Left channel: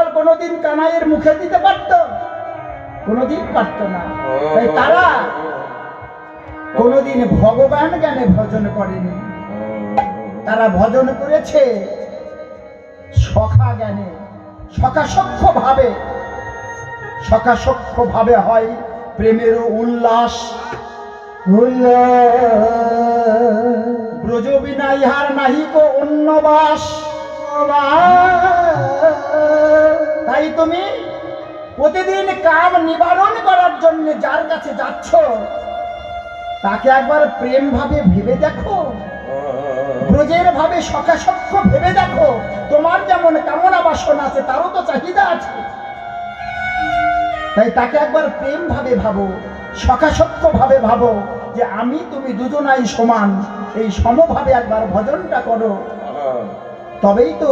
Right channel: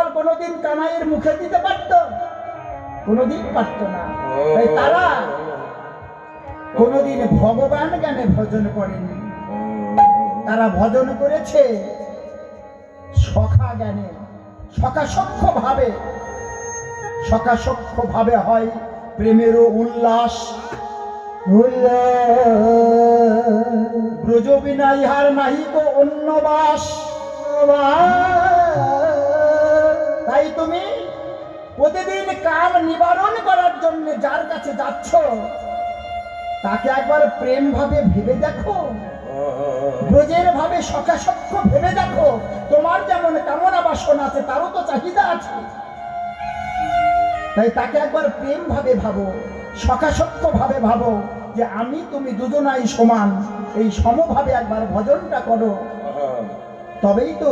ফল কোনোদিন কানাইয়ের মুখে দিতে পারতো? কোনোদিন পারতো না। তাই তারা কোনোদিন ভগবান জ্ঞানে ভজন করেনি, তারা ভজন করেছে সখা জ্ঞানে, সখাসখ্য ভাবে। সখাসখ্য ভাবে হয় প্রেমের উল্লাস। ব্রজ বিনা ইহার নাহিক অন্য বাস। তাই তুমি প্রতিদিন কাম নিবারণ করার জন্য যার কাছে যাচ্ছ তাকে একবার প্রেম ভাবে ভেবে দেখো, ব্রজের ভাবে সখাসখ্য ভেবে দেখো। তোমার যেমন কামনা বাসনা আছে তারও তো চাহিদা আছে, তাই তাকে একবার প্রেম ভাবে ভাবো, সখাসখ্য ভাবে ভাবো যে আমি তুমি দুজনাই সমান। এই সমভাবে একবার ভজনটা করো, তবেই তো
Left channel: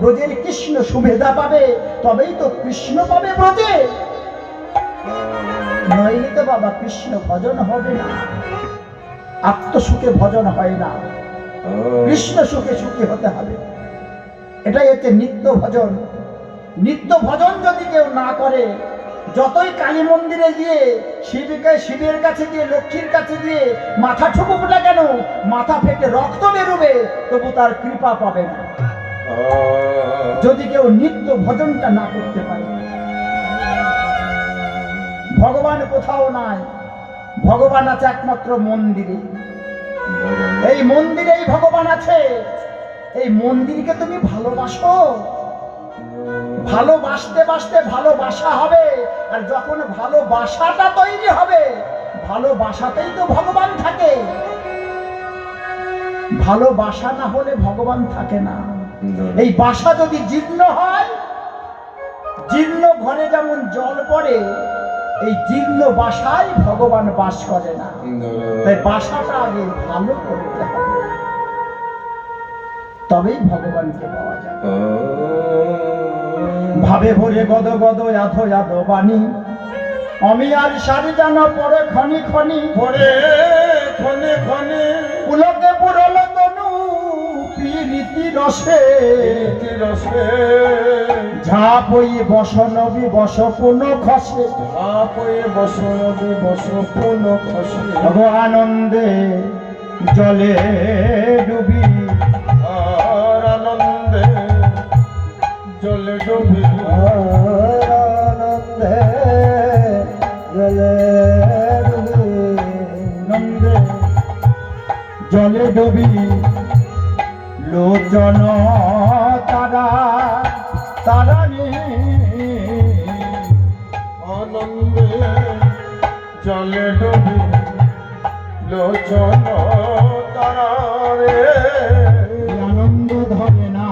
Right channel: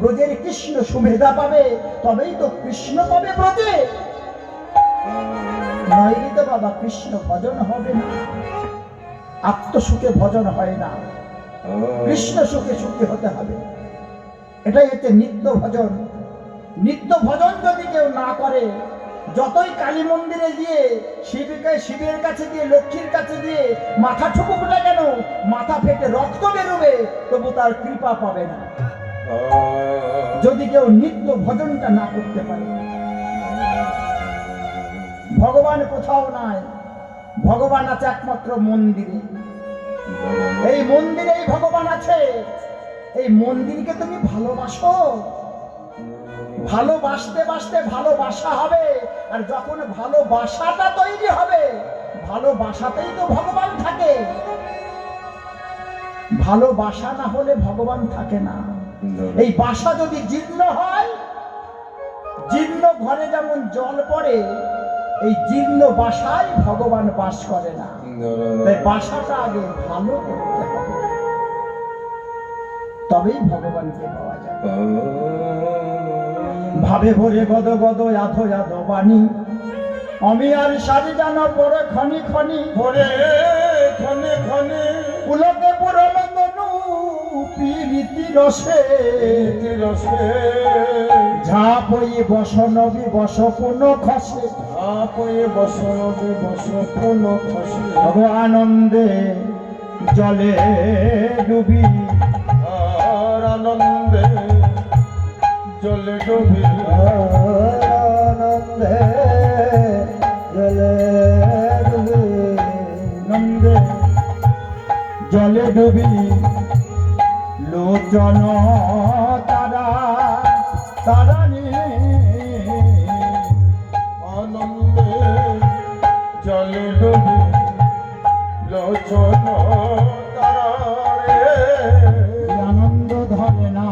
ব্রজের কৃষ্ণ সুবিধা পাবে, তবেই তো কৃষ্ণ পাবে ব্রজে। নইলে তো বাবা কৃষ্ণ ভজন হবে না। আত্মসুখে ভজন হয় না, কৃষ্ণ সুখে সুখী হতে হবে। এটাই হচ্ছে নিত্য ভজন। নিত্য ভজন যদি কেউ না করে, যতই কালী মন্দিরে গিয়ে শিবের কাছে গিয়ে লক্ষ্মীর কাছে গিয়ে মাথা ঠুকুক না কেন, মাথা ফেটে রক্ত বেরোবে, তবু তার কৃপা পাবে না যদি কেউ নিত্য ভজনটা না করতে পারে। ভগবান কোথাও নাই, ভগবান আছে একমাত্র মন্দিরে। এই মন্দিরেই ভগবান আছে। এই মন্দিরকে তুমি ভালোবাসো, ভালোবাসতে বাসতে ভালোবাসা হবে। আর যখন ভালোবাসাটা তৈরি হবে, ভালোবাসাতেই তো ভগবান থাকে। ভালোবাসা না হলে ভগবান থাকে না। এই বাসা যদি জীর্ণ হয়, জীর্ণ ঘরে যেমন জল পড়ে, এই জীর্ণ বাসায় ভগবান বাস করে না। তাই বাসাটা আগে ভালো করতে হবে, তবেই ভগবানকে পাওয়া যায়। ভাবে ভরে গদ গদ আধো আধো বাণী, আমি আর সারি জানা পরে খনি খনি পরে খনি খনি পুলকে পুরল তনু প্রীতি রসে রসে ঝাপই বসনবি বস কোন খসে, ঝাপই বসনবি বস কোন খসে আনন্দে জলে ডুবি, আর আনন্দে জলে ডুবি, আনন্দে জলে ডুবি, আনন্দে জলে ডুবি লোচন তারা তারানি, আনন্দে জলে ডুবি লোচন তারা রে। আনন্দ ধরে না,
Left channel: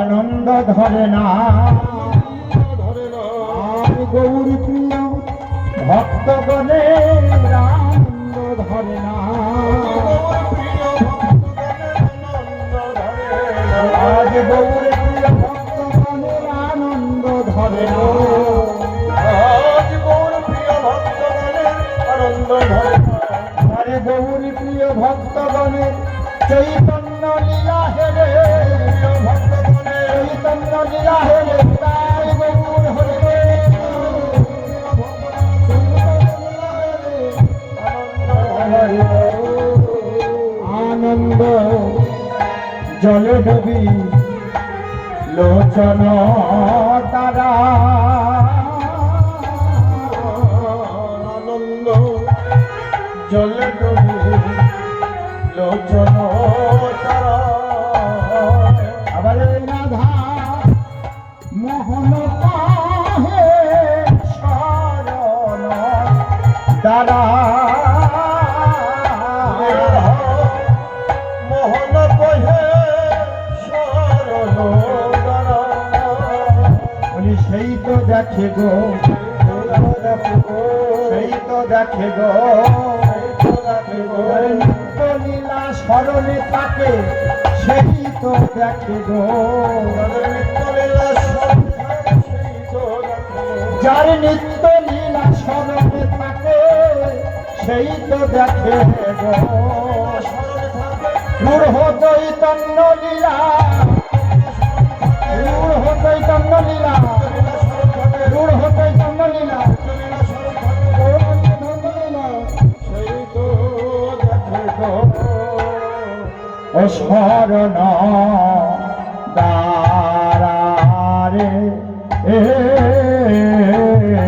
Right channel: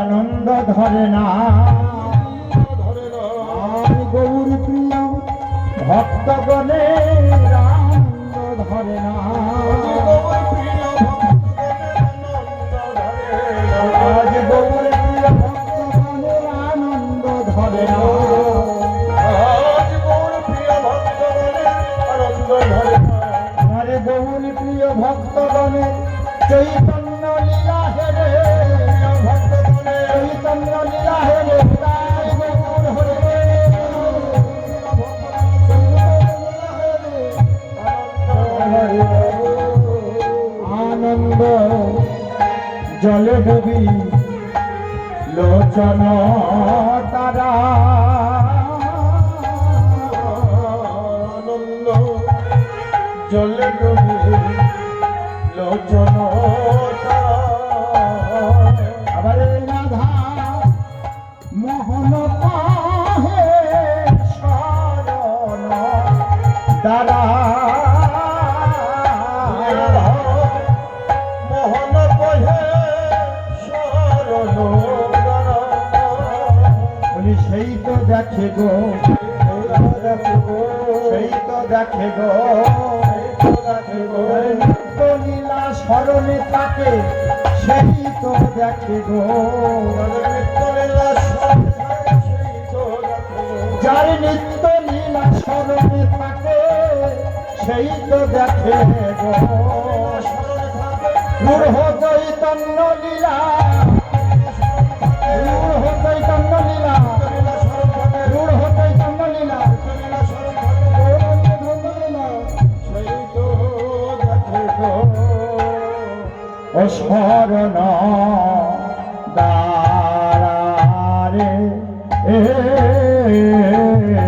আনন্দ ধরে না, আমি গৌর প্রিয় ভক্তগণে আনন্দ ধরে না, আজ গৌর প্রিয় ভক্তগণে আনন্দ ধরে না, আজ গৌর প্রিয় ভক্তগণে আনন্দ ধরে না। আরে গৌর প্রিয় ভক্তগণে চৈতন্য লীলা হেরে, ভক্তগণে চৈতন্য লীলা হেরে, তাই গৌর হরে আনন্দ জলে ডুবি লোচন তারা, আনন্দ জলে ডুবি লোচন তারা। আবার রাধা মোহন পাহে শরণ দাদা, মোহন কহে শরণ বলি, সেই তো দেখে গো, সেই তো দেখে গো, নিত্য লীলা স্মরণে থাকে, সেই তো দেখে গো, যার নিত্য লীলা স্মরণে থাকে, সেই তো দেখে গো, চৈতন্য লীলা শরণ